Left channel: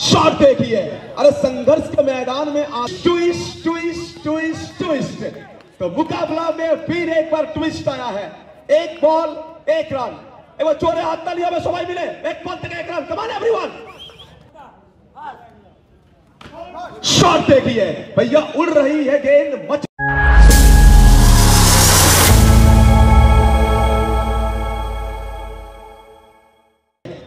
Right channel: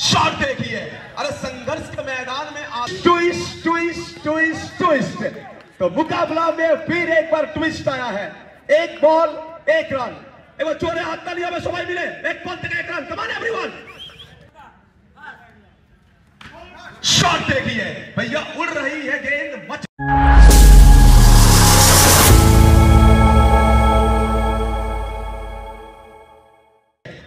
Shot देखिए, अरे संघर्ष के मैदान में ट्विस्ट ट्विस्ट ट्विस्ट ट्विस्ट। तो मुकाबला में फिर एक बार ट्विस्ट आया है। एक बॉल एक रन, वो चोरे हाथ तालियों में सबाई मिले, एक बॉल तक एक रन, कमान एवरीवन। शॉट देखिए भैया, उड़ रही है गेंद, मच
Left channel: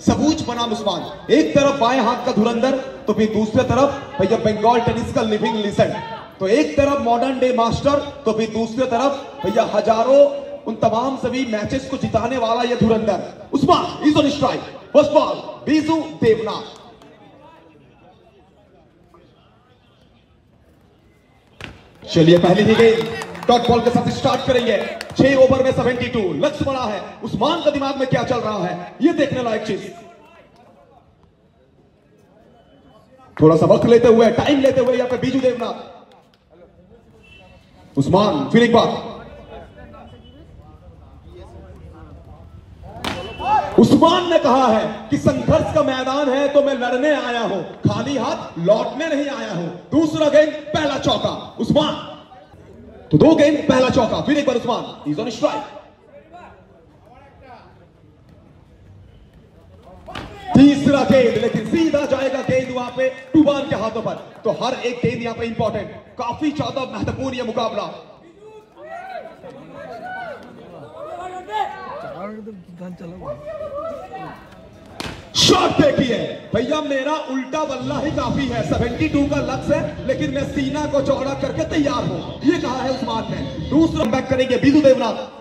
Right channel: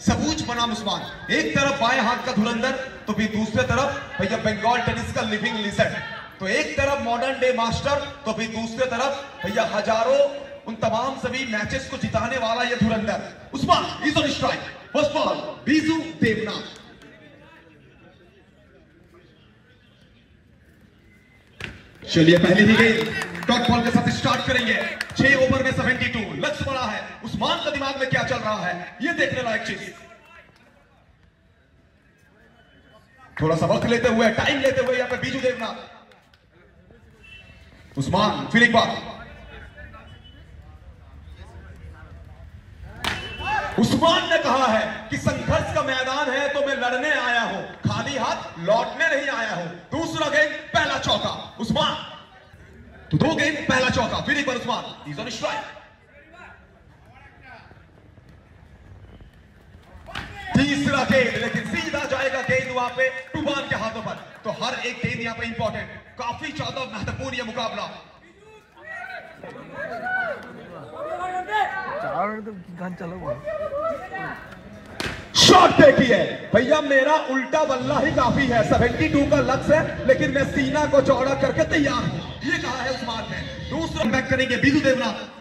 सबूज बनाम उस्मान, एक तरफ बाएं हाथ का धुरंधर, तो फिर दूसरे तरफ भैया बंगाल टेनिस का लिविंग लेजेंड। तो एक तरफ मॉडर्न डे मास्टर, तो फिर दूसरे तरफ भैया हजारों उन तमाम सभी मैचेस को जिताने वाला यह धुरंधर Usman is on strike. First ball Biju Devnath. चलिए पहली ही गेंद डॉट बॉल के साथ स्टार्ट करेंगे। 6 ओवर में 72, लक्ष्य बड़ा है। उस्मान का दिमाग में क्या चल रहा है, यह देखने लायक चीज। थोड़ा सा वक्त लेते हुए, टाइम लेते हुए यहां पर बीजू देवनाथ। उस्मान फिर एक बार, उस्मान ने कहा है कि संघर्ष का मैदान है तो मैं लड़ने आया हूं, खाली हाथ लौटने नहीं आया हूं। दूसरा गेंद पहला चौका उस्मान, तो 2 गेंद पहला चौका, फिर एक बार उस्मान इज ऑन स्ट्राइक। तीसरा गेंद, लेकिन सीधा जाएगा गेंद वहां पे टूबान के हाथों पर। तो हर एक गेंद यहां पे इंपॉर्टेंट, काफी ज्यादा महत्वपूर्ण यह मुकाबला। शॉट देखिए भैया, मेरा उल्टा बल्ला ही काफी है। 72 का लक्ष्य है, लेकिन मैं सीना को चौड़ा करके तैयार हूं, ये कहा है उस्मान ने। दूसरा बैक करेंगे बीजू देवनाथ।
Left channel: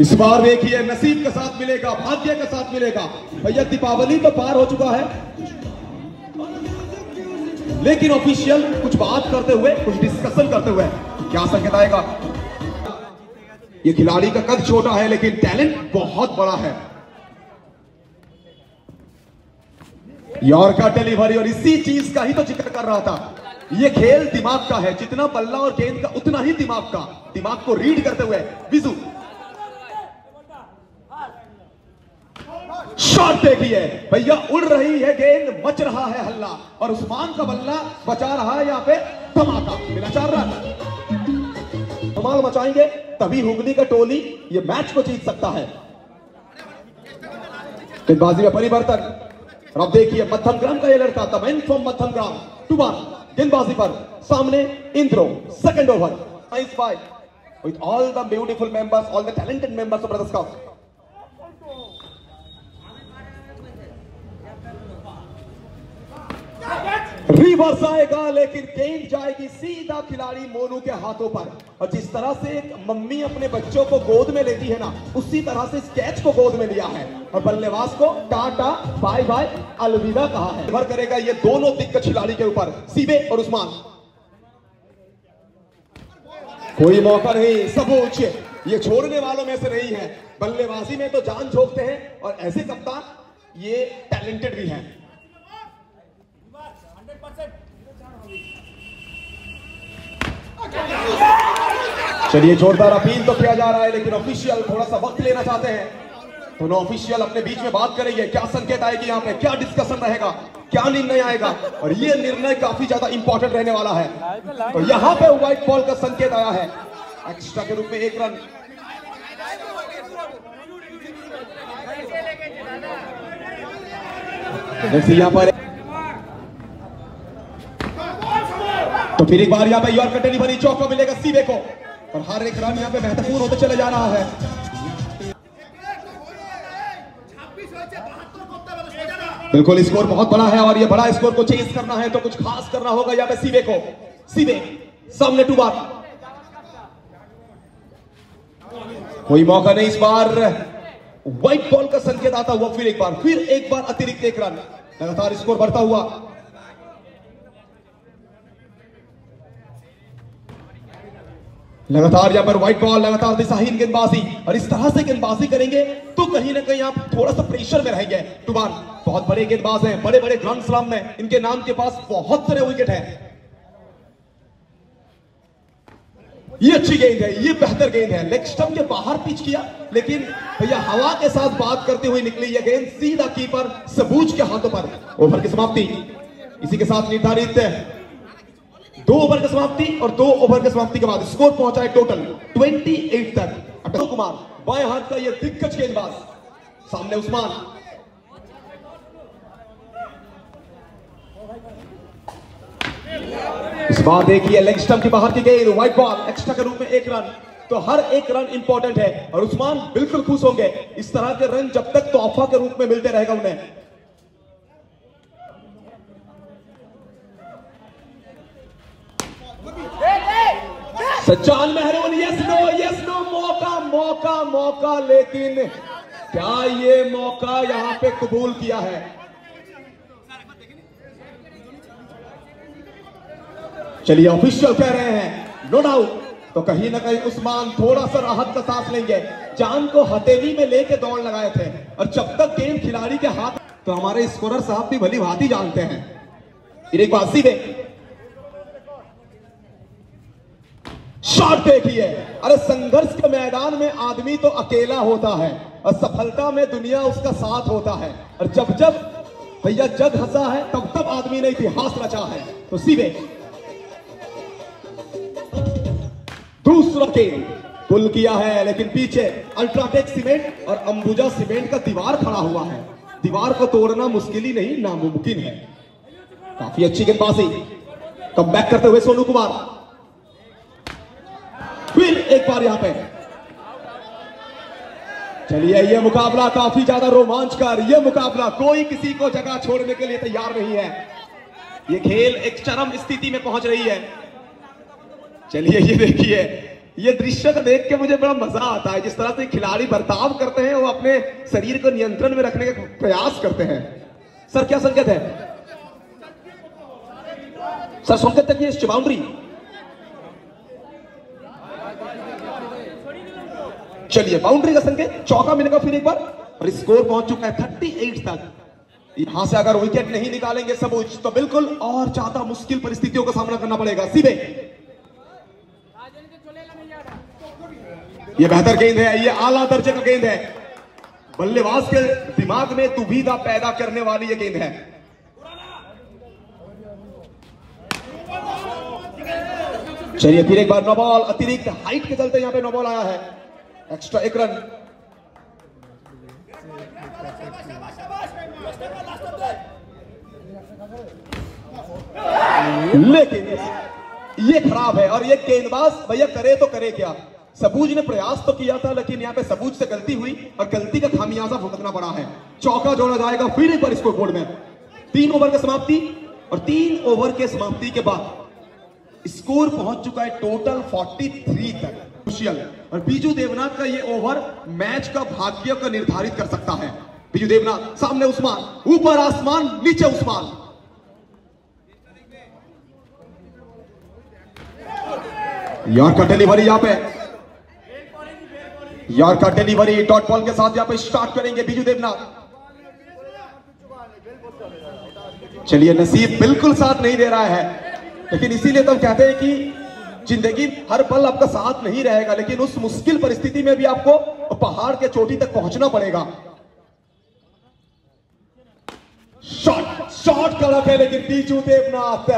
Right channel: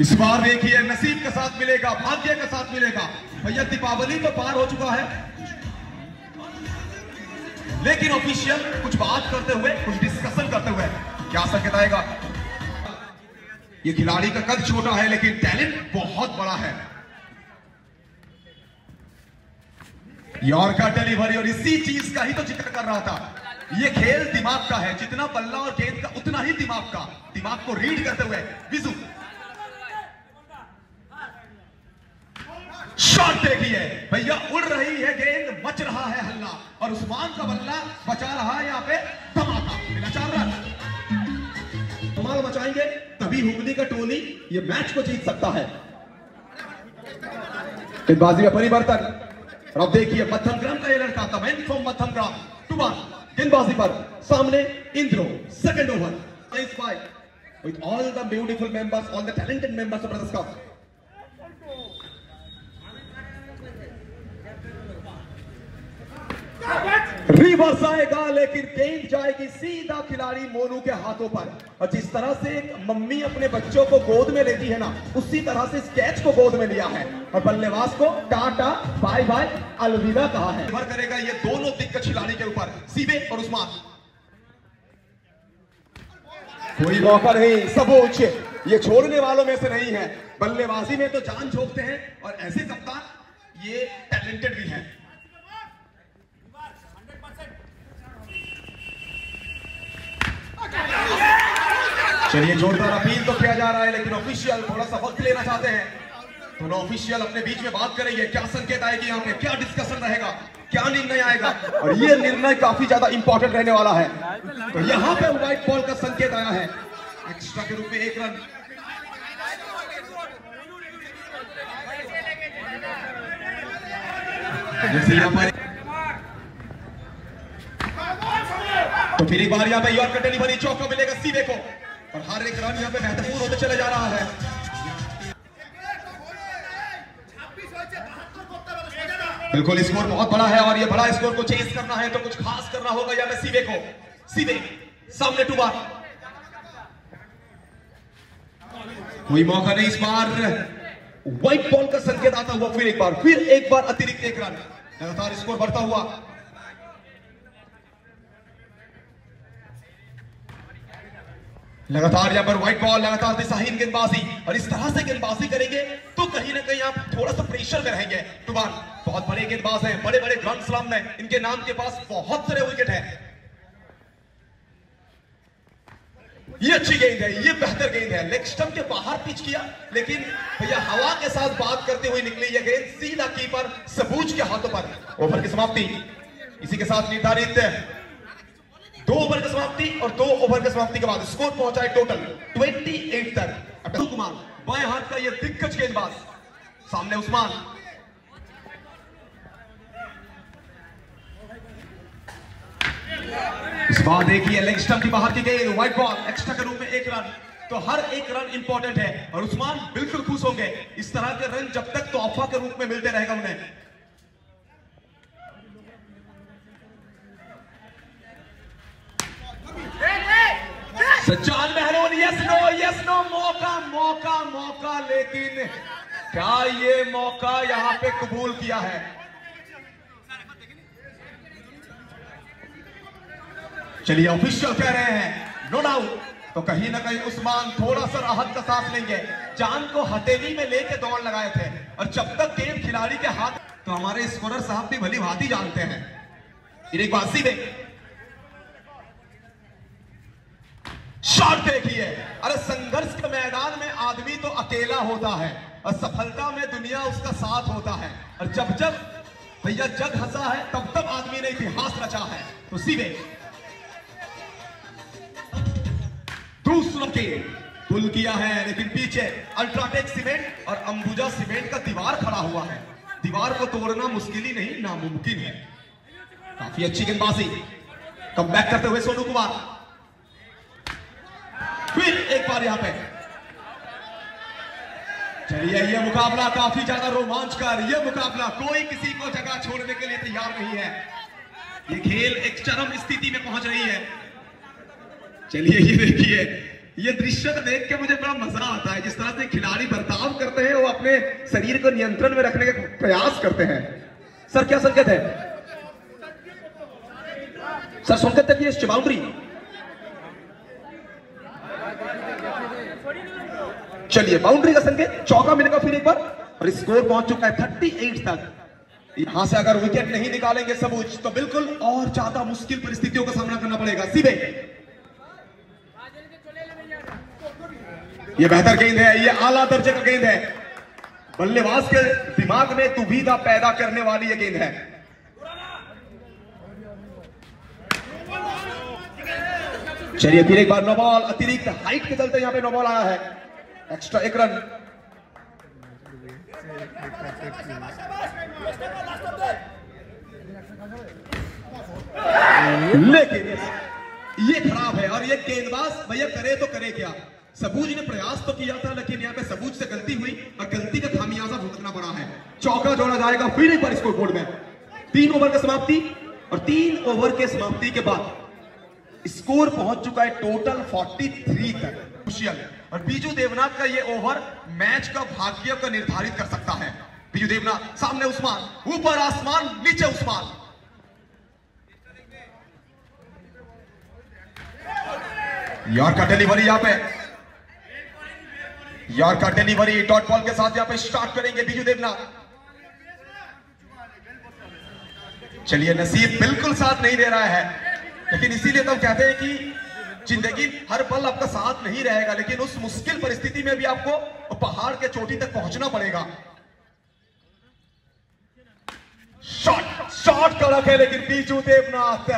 इस बार देखिए नसीब के साथ मिलेगा, भाग्य के साथ मिलेगा। भैया दीपावली तो पार हो चुका है, लेकिन ऑफिशियल कुछ बात करते हुए, कुछ डिस्कशन करते हुए क्या संकेत आएगा। ये खिलाड़ी का कद छोटा है, लेकिन टैलेंट बहुत बड़ा है। यॉर्कर डिलीवरी, और इसी चीज का ही तो जिक्र कर रहा था। ये खेल दिमाग का है, जितना बल्ला और गेंद का उतना ही दिमाग का। दिमाग को रीड करते हुए विजू। शॉट देखिए भैया, उड़ रही है गेंद, मच रहा है हल्ला, और उस्मान का बल्ला बचा रहा है यहां पे धमाका। मिला 4 रन। धमाल मचाएंगे तभी हुगली का टोली ये मैच को जीत सकता है। गेंदबाजी में परिवर्तन, और अब देखिए मध्यम ग्राम का ये लड़का, द मैन फ्रॉम मध्यम ग्राम टूबान, गेंदबाजी पर सामने इंद्रो। Second over, nice fight with all the beautiful members, all the talented members of brothers cup. Reverse आएगा, लेकिन गेंद जाएगी सीधा खिलाड़ी मोनू के हाथों पर। और जिस तरह से एक मम्मी अपने बच्चों को गोद में लेती है ना, उसी तरह से इस कैच को गोद में लिया है और बल्लेबाज को टाटा बाय बाय अलविदा कहा है। निर्भर करेगा ये दोनों दिग्गज खिलाड़ी के ऊपर, सीबे और उस्मान। कोई मौका नहीं, सबूज ये छोड़ने वालों में से नहीं है। बल्लेबाजी में तो जान झोंकते हैं, और ऐसे कप्तान ये टैलेंटेड भी हैं। चलिए जोरदार अपील तो किया जा रहा है, लेकिन ऑफिशियल थोड़ा सा वक्त लेना चाहते हैं। दोनों ऑफिशियल अपने बीच में बात करेंगे, क्या संकेत आएगी यहाँ पे, क्या डिस्कशन रहेगा, क्या निर्णय आएगा, और ये निर्णय काफी ज्यादा इंपॉर्टेंट रहने वाला है। तो यहाँ पे व्हाइट बॉल का संकेत आया है, एक्स्ट्रा के रूप में 1 रन। यहाँ पर तो फिर एक बार यहाँ पे यॉर्कर डिलीवरी, चौका मिलेगा सीबे को, और हर एक रन यहाँ पे महत्वपूर्ण होते चले जा रहा है। बिल्कुल स्कोर बहुत बड़ा है, और ये बड़ा स्कोर को चेस करना है तो कुछ खास करना होगा यहाँ पे सीबे को। सीबे सामने टू बार, कोई मौका नहीं। इस बार व्हाइट बॉल का संकेत आता हुआ, फिर एक बार अतिरिक्त 1 रन, लगातार स्कोर बढ़ता हुआ। लगातार यहां पर व्हाइट बॉल, लगातार दिशाहीन गेंदबाजी, और इस तरह से गेंदबाजी करेंगे तो कहीं ना कहीं आप थोड़ा सा प्रेशर में रहेंगे। टूबान बहुत बड़े गेंदबाज हैं, बड़े बड़े ग्रैंड स्लैम में इनके नाम के पास बहुत सारे विकेट हैं। ये अच्छी गेंद है, ये बेहतर गेंद है, लेग स्टंप के बाहर पिच किया, लेकिन भैया हवा के साथ बात करते हुए निकली ये गेंद सीधा कीपर सबूज के हाथों पर। ओवर की समाप्ति, इसी के साथ निर्धारित 2 ओवर की समाप्ति और 2 ओवर की समाप्ति के बाद स्कोर पहुंचा है टोटल 28 तक। अटल कुमार बाएं हाथ का ये दिग्गज गेंदबाज, सामने उस्मान, इस बार देखिए लेग स्टंप के बाहर की गेंद, व्हाइट बॉल, एक्स्ट्रा के रूप में 1 रन। तो हर एक रन इंपॉर्टेंट है और उस्मान बिल्कुल खुश होंगे। इस तरह के रन जब तक तोहफा के रूप में मिलते रहेगा उन्हें। सज्जाद महरून, यस नो, मौका, लेकिन क्या ये मौका यहां पे कबूल किया है? चलिए ऑफिशियल कह रहे हैं नो डाउट, तो कहीं ना कहीं उस्मान थोड़ा सा राहत का सांस लेंगे। जान को हथेली में लेके दौड़ लगाए थे और जब तक गेंद खिलाड़ी के हाथ, तो हमारे स्कोरर साहब भी भली भांति जानते हैं। एक बात सीधे शॉट देखिए, अरे संघर्ष के मैदान में आदमी तो अकेला होता है और सफलता में दुनिया उसका साथ होता है। और जब जब भैया जग हंसा है तब तब आदमी ने इतिहास रचा है। तो सीधे दूसरा गेंद पुल किया है, लेकिन पीछे अल्ट्राटेक सीमेंट और अंबुजा सीमेंट का दीवार खड़ा हुआ है। दीवार को तोड़ना मुश्किल ही नहीं, नामुमकिन है। काफी अच्छी गेंदबाजी, कम बैक करते हुए सोनू कुमार, फिर एक बार यहां पे। चलिए ये मुकाबला काफी ज्यादा रोमांचकर, ये मुकाबला कोई किसी को जगह छोड़ने के लिए तैयार नहीं है। ये खेल एक चरम स्थिति में पहुंच रही है। चलिए ये देखिए, ये दृश्य को देख के मुझे बड़ा मजा आता है, जिस तरह से खिलाड़ी बर्ताव करते हैं, वो अपने शरीर को नियंत्रण में रखने का प्रयास करते हैं। सर क्या संकेत है? सर संकेत तक ये बाउंड्री। चलिए बाउंड्री का संकेत, चौका मिलेगा फिर एक बार और स्कोर पहुंच चुका है 38 तक। यहां से अगर विकेट नहीं निकालेंगे सबूज तो बिल्कुल और ज्यादा मुश्किल परिस्थितियों का सामना करना पड़ेगा। सीधे ये बेहतर गेंद है, ये आला दर्जे का गेंद है, बल्लेबाज के दिमाग में दुविधा पैदा करने वाली ये गेंद है। चलिए फिर एक बार नो बॉल, अतिरिक्त हाइट के चलते यहां पे नो बॉल आया है, एक्स्ट्रा 1 रन। लेकिन ये खराब है और ये गेंदबाज भैया करे तो करे क्या? सबूज ने प्रयास तो किया था, लेकिन यहाँ पे सबूज से गलती हुई और गलती का खामियाजा भुगतना पड़ा है। चौका जोड़ा जाएगा फिर एक बार स्कोर बोर्ड में। 3 ओवर की समाप्ति और 3 ओवर के समाप्ति के बाद स्कोर पहुंच चुका है टोटल 43 तक। और बीजू देवनाथ का ये ओवर मैच का भाग्य को निर्धारित कर सकता है। बीजू देवनाथ, सामने उस्मान, ऊपर आसमान, नीचे उस्मान। यार का डिलीवरी यहां पे, यार का डिलीवरी डॉट बॉल के साथ यहां पे स्टार्ट करेंगे बीजू देवनाथ। चलिए नसीब बिल्कुल साथ नहीं दे रहा है, लेकिन इसीलिए तो कहते हैं कि जिंदगी हर पल आपका साथ नहीं रहेगा, लेकिन उस मुश्किल परिस्थिति में भी आपको पहाड़ के चोटी तक पहुंचना पड़ेगा। शॉट कड़क है, लेकिन बीजू देवनाथ,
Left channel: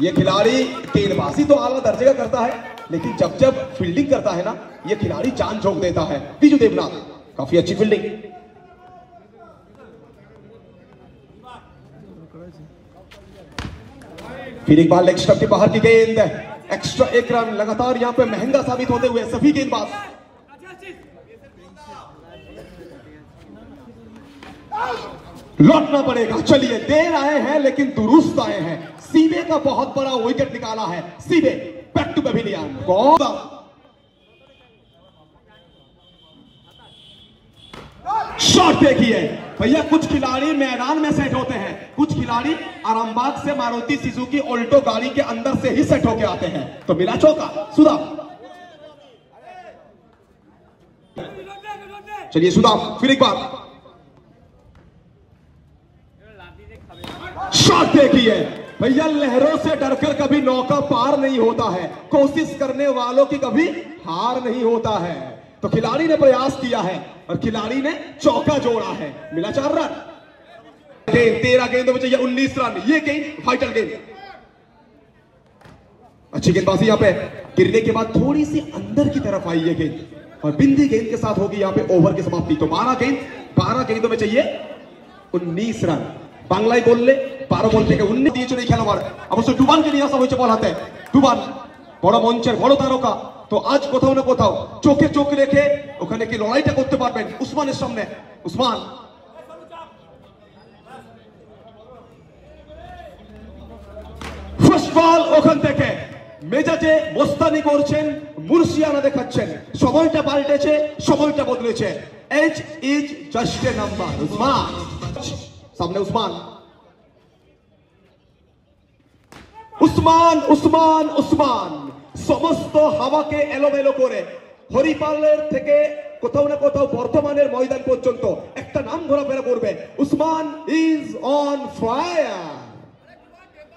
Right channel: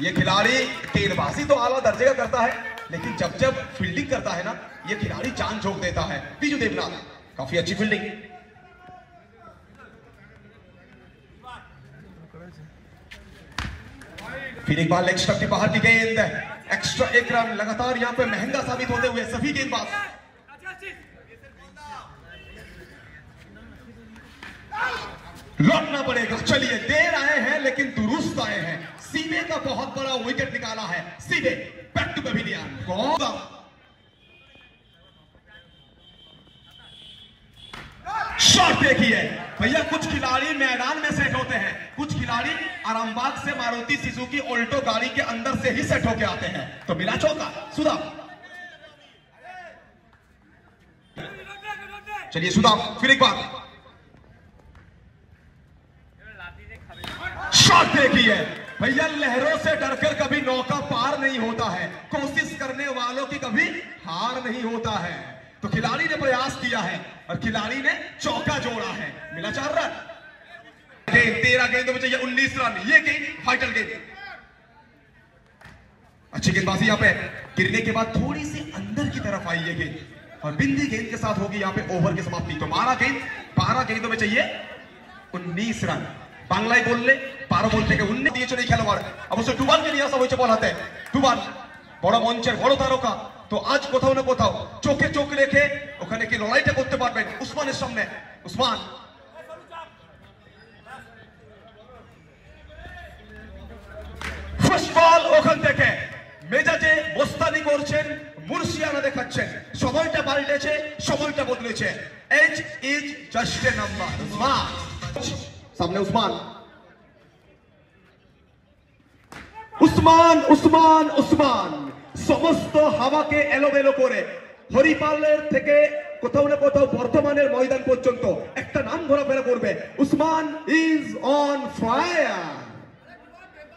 ये खिलाड़ी गेंदबाजी तो आला दर्जे का करता है, लेकिन जब जब फील्डिंग करता है ना, ये खिलाड़ी जान झोंक देता है। बीजू देवनाथ, काफी अच्छी फील्डिंग। फिर एक बार लेग स्टंप के बाहर की गेंद, एक्स्ट्रा 1 रन। लगातार यहां पे महंगा साबित होते हुए सभी गेंदबाज। लौटना पड़ेगा। चलिए देर आए हैं लेकिन दुरुस्त आए हैं। सीधे का बहुत बड़ा विकेट निकाला है, सीधे बैक टू पेविलियन। शॉट देखिए भैया, कुछ खिलाड़ी मैदान में सेट होते हैं, कुछ खिलाड़ी आरामबाग से मारुति सुजुकी ऑल्टो गाड़ी के अंदर से ही सेट होके आते हैं। तो मिला चौका, सुधा। चलिए सुधा, फिर एक बार शॉट देखिए, भैया लहरों से डरकर कभी नौका पार नहीं होता है, कोशिश करने वालों की कभी हार नहीं होता है। तो खिलाड़ी ने प्रयास किया है और खिलाड़ी ने चौका जोड़ा है, मिला 4 रन। गेंद 13 गेंदों में चाहिए 19 रन, ये गेंद फाइटल गेंद। अच्छी गेंदबाजी यहाँ पे, गिरने के बाद थोड़ी सी अंदर की तरफ आई ये गेंद और बिंदी गेंद के साथ होगी यहाँ पे ओवर की समाप्ति। तो 12 गेंदों में चाहिए 19 रन। বাংলায় বললে 12 বল থেকে 19 দিয়েছে এই খেলোয়াড়। অবশ্য ডুবানকে নিয়ে আসা হয়েছে বল হাতে। ডুবান বড় মঞ্চের বড় তারকা, তো আজ কোথাও না কোথাও চোখে চোখ রেখে ওখানে কি লড়াইটা করতে পারবেন উসমানের সামনে। উসমান ফার্স্ট বল ওখান থেকে মেজাজে মোস্তানি করছেন, মুর্শিয়ানা দেখাচ্ছেন, সময়টা পাল্টেছে, সময়টা বদলেছে। Age is just a number. Usman সামনে, উসমান উসমান উসমান উসমান সমস্ত হাওয়াকে এলোমেলো করে হরিপালের থেকে কোথাও না কোথাও বর্তমানের ময়দান পর্যন্ত একটা নাম ঘোরাফেরা করবে। Usman is on fire.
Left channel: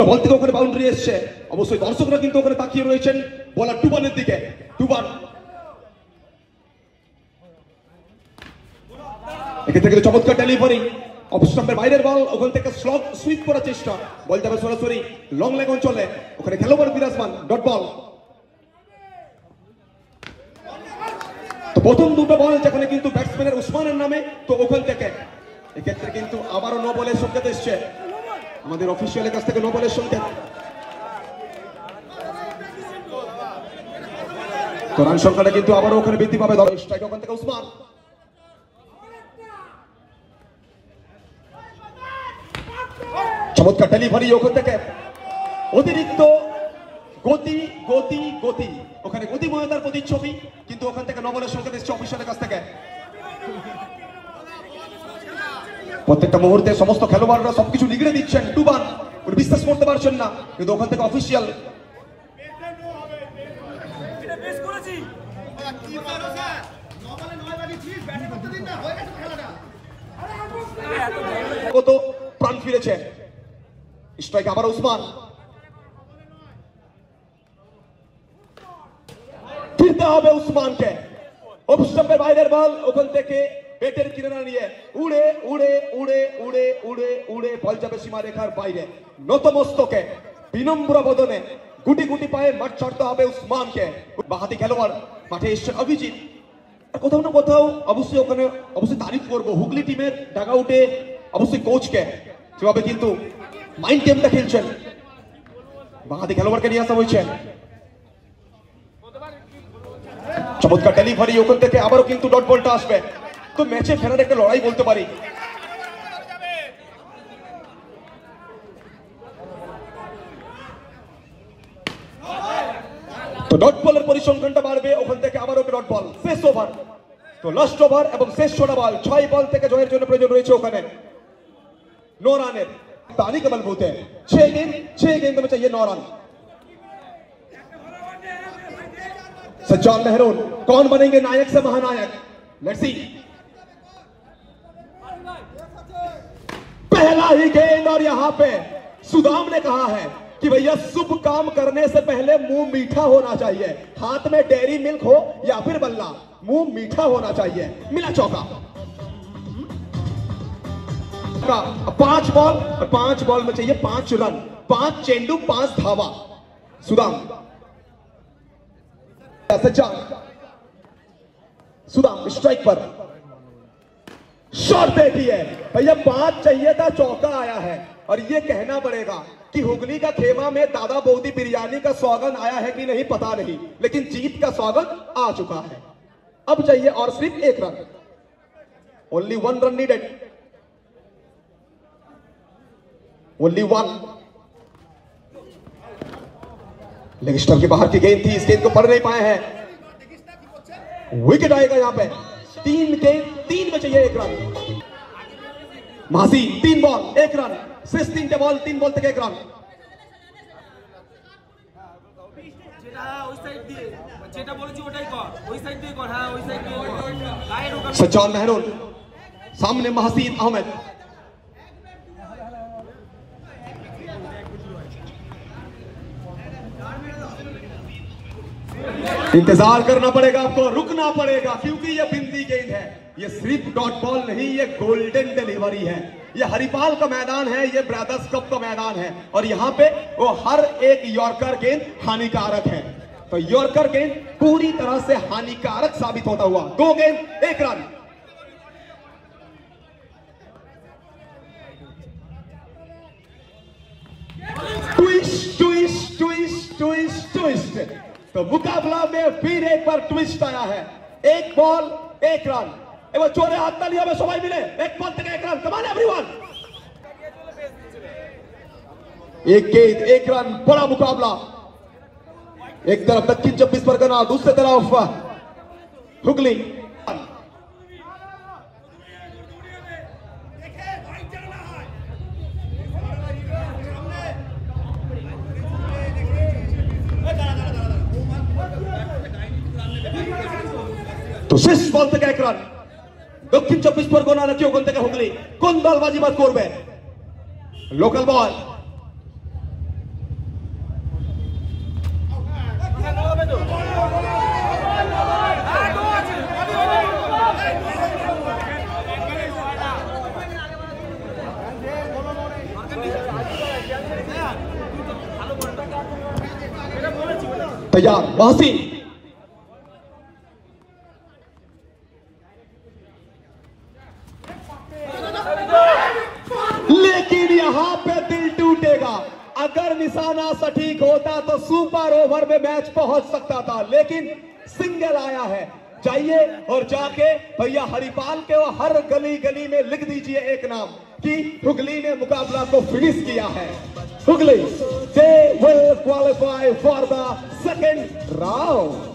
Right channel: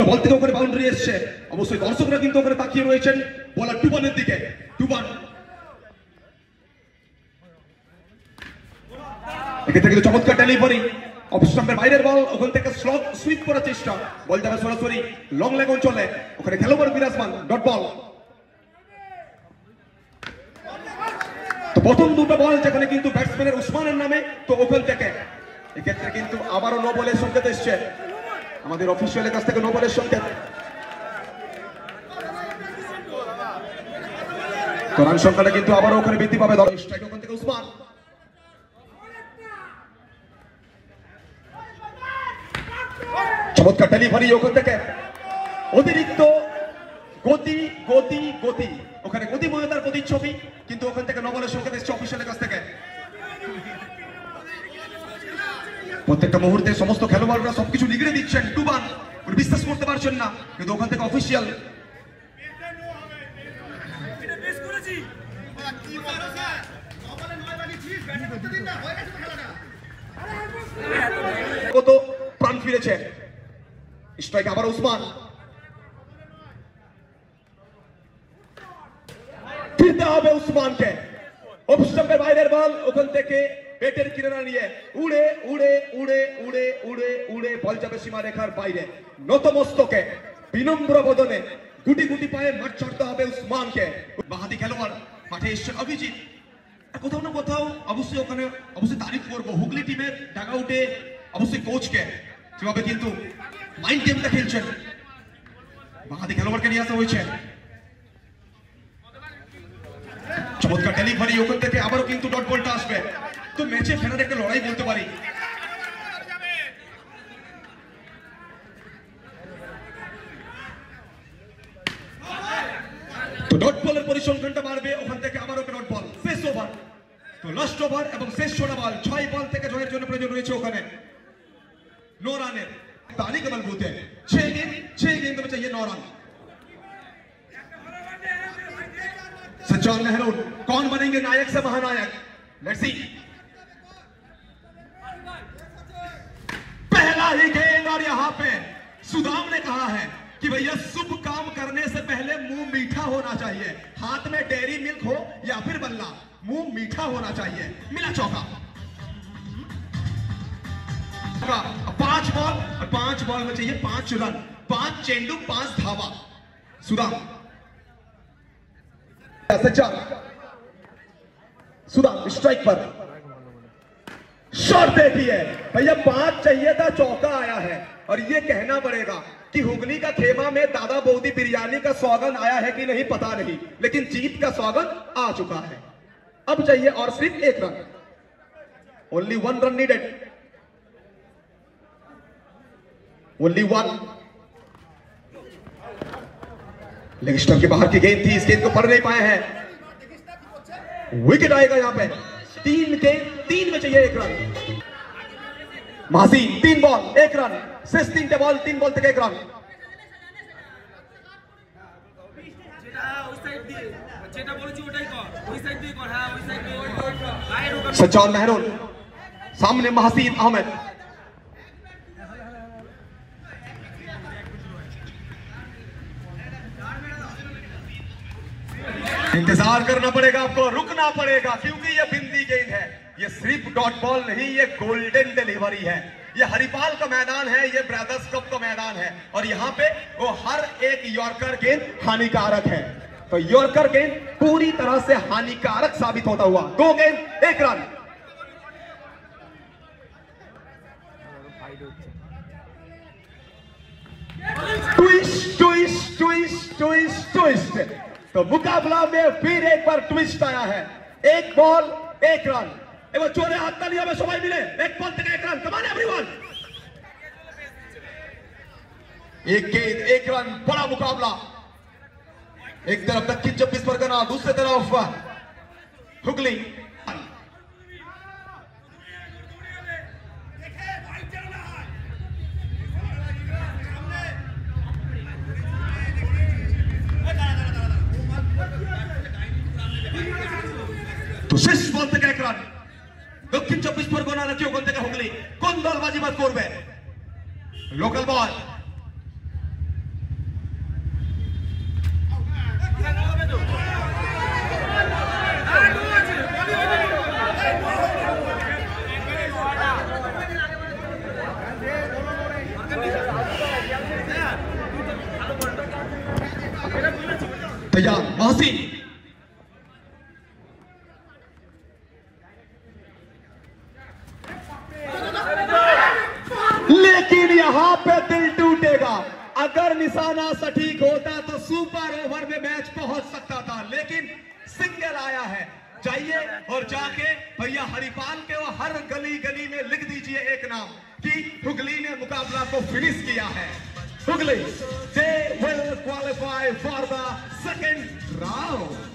Ball থেকে ওখানে বাউন্ডারি এসছে, অবশ্যই দর্শকরা কিন্তু ওখানে তাকিয়ে রয়েছেন বলার টুবানের দিকে। টুবান এখান থেকে চমৎকার ডেলিভারি, অফ স্টাম্পের বাইরের বল, ওখান থেকে স্লগ সুইপ করার চেষ্টা, বল যাবে সরাসরি লং লেগ অঞ্চলে, ওখানে খেলোয়াড় বিরাজমান, ডট বল। তো প্রথম দুটো বল যেখানে কিন্তু ব্যাটসম্যানের উসমানের নামে, তো ওখান থেকে এক্ষেত্রে কিন্তু আবারও নো বলের সংকেত এসছে আমাদের অফিসিয়ালের কাছ থেকে, নো বলের সংকেত। তো রান সংখ্যাটা কিন্তু আবারও ওখানে বৃদ্ধি পাবে। স্ট্রাইক ওখান থেকে উসমান, চমৎকার ডেলিভারি ওখান থেকে, অতিরিক্ত গতি গতি গতি, ওখানে গতিময়তার প্রতিচ্ছবি, কিন্তু ওখান থেকে নো বলের সংকেত এসছে অফিসিয়ালের কাছ থেকে। প্রত্যেকটা মুহূর্তে সমস্ত খেলোয়াড়রা সবকিছু নিগড়ে দিচ্ছেন, টুবান বিশ্বাস করতে পারছেন না, কিন্তু ওখান থেকে অফিসিয়াল। কত প্রাণ ফিরেছে, স্ট্রাইক আবার উসমান, ফিরতে হবে উসমানকে। অফ স্টাম্পের বাইরের বল, ওখান থেকে পেটের কিনারা নিয়ে উড়ে উড়ে উড়ে উড়ে উড়ে উড়ে বল যাবে সীমারেখার বাইরে। নতমস্তকে বিনম্র বদনে গুটি গুটি পায়ে মাঠ ছাড়তে হবে উসমানকে। বাহাতি খেলোয়াড় মাঠে এসছে অভিজিৎ, কোথাও না কোথাও অবশ্যই ওখানে অবশ্যই তারিফ করবো হুগলি টিমের ডাগআউটে অবশ্যই কোচকে, যেভাবে কিন্তু মাইন্ড গেমটা খেলছেন। বাহাতি খেলোয়াড়কে নিয়ে আসা হয়েছে, চমৎকার ডেলিভারি ওখান থেকে আবারও কিন্তু ডট বলটা আসবে। তো ম্যাচে ফেরার একটা লড়াই বলতে পারি। তো ডট বলের পরিসংখ্যানটা বাড়বে, ওখান থেকে আবারও ডট বল, শেষ ওভার। তো লাস্ট ওভার এবং শেষ 6 বল, 6 বল থেকে জয়ের জন্য প্রয়োজন রয়েছে ওখানে 9 রানের। ताली कमल बोलते हैं 6 गेंद में चाहिए 9 रन। सज्जाद मेहरून कौन बनेंगे नायक से महानायक, लेट्स सी। पहला ही गेंद और यहां पे सुदाम ने कहा है कि भैया शुभ काम करने से पहले मुंह मीठा होना चाहिए, हाथ में डेयरी मिल्क हो या फिर बल्ला, मुंह मीठा होना चाहिए। मिला चौका। 5 बॉल और 5 बॉल में चाहिए 5 रन, 5 चेंडू 5 धावा। सुदाम सज्जाद, सुदाम स्ट्राइक पर शॉट देखिए भैया, 5 चाहिए था, चौका आया है। और ये कहना पड़ेगा कि हुगली का खेमा में दादा बोदी बिरयानी का स्वागत आया है कि नहीं पता नहीं, लेकिन जीत का स्वागत आ चुका है। अब चाहिए और सिर्फ 1 run, only 1 run needed, only 1। Leg stump के बाहर की गेंद थी, इस गेंद को पढ़ नहीं पाए हैं, विकेट आएगा यहां पे। 3 में चाहिए 1 रन। मासी 3 बॉल 1 रन, शेष 3 बॉल 3 बॉल तक 1 रन। सज्जाद मेहरून सामने महसीन अहमद, इंतजार करना पड़ेगा आपको, रुकना पड़ेगा, क्योंकि ये बिंदी गेंद है, ये सिर्फ डॉट बॉल नहीं, ये गोल्डन डिलीवरी है। ये हरिपाल का मैदान है, ये ब्रदर्स कप का मैदान है, और यहाँ पे वो हर एक यॉर्कर गेंद हानिकारक है। तो यॉर्कर गेंद पूरी तरह से हानिकारक साबित होता हुआ 2 गेंद 1 run. Twist twist twist twist twist, तो मुकाबला में फिर एक बार ट्विस्ट आया है। 1 बॉल 1 रन। एक बार चोरे हाथ तालियों में सबाई मिले, 1 बॉल तक 1 रन। कम ऑन एवरीवन, 1 गेंद 1 रन, बड़ा मुकाबला। एक तरफ दक्षिण 24 परगना, दूसरी तरफ हुगली। तो 6 बॉल तक 1 रन। दक्षिण 24 परगना रखियो कोणते का हुगली, कोण बॉलबाजी मत करबे, लोकल बॉल। तैयार वासी, लेकिन यहां पे दिल टूटेगा। अगर निशाना सटीक होता तो सुपर ओवर में मैच पहुंच सकता था, लेकिन सिंगल आया है। जाइए और जाके भैया हरिपाल के हर गली गली में लिख दीजिए एक नाम कि हुगली ने मुकाबला को फिनिश किया है। Hooghly, they will qualify for the second round.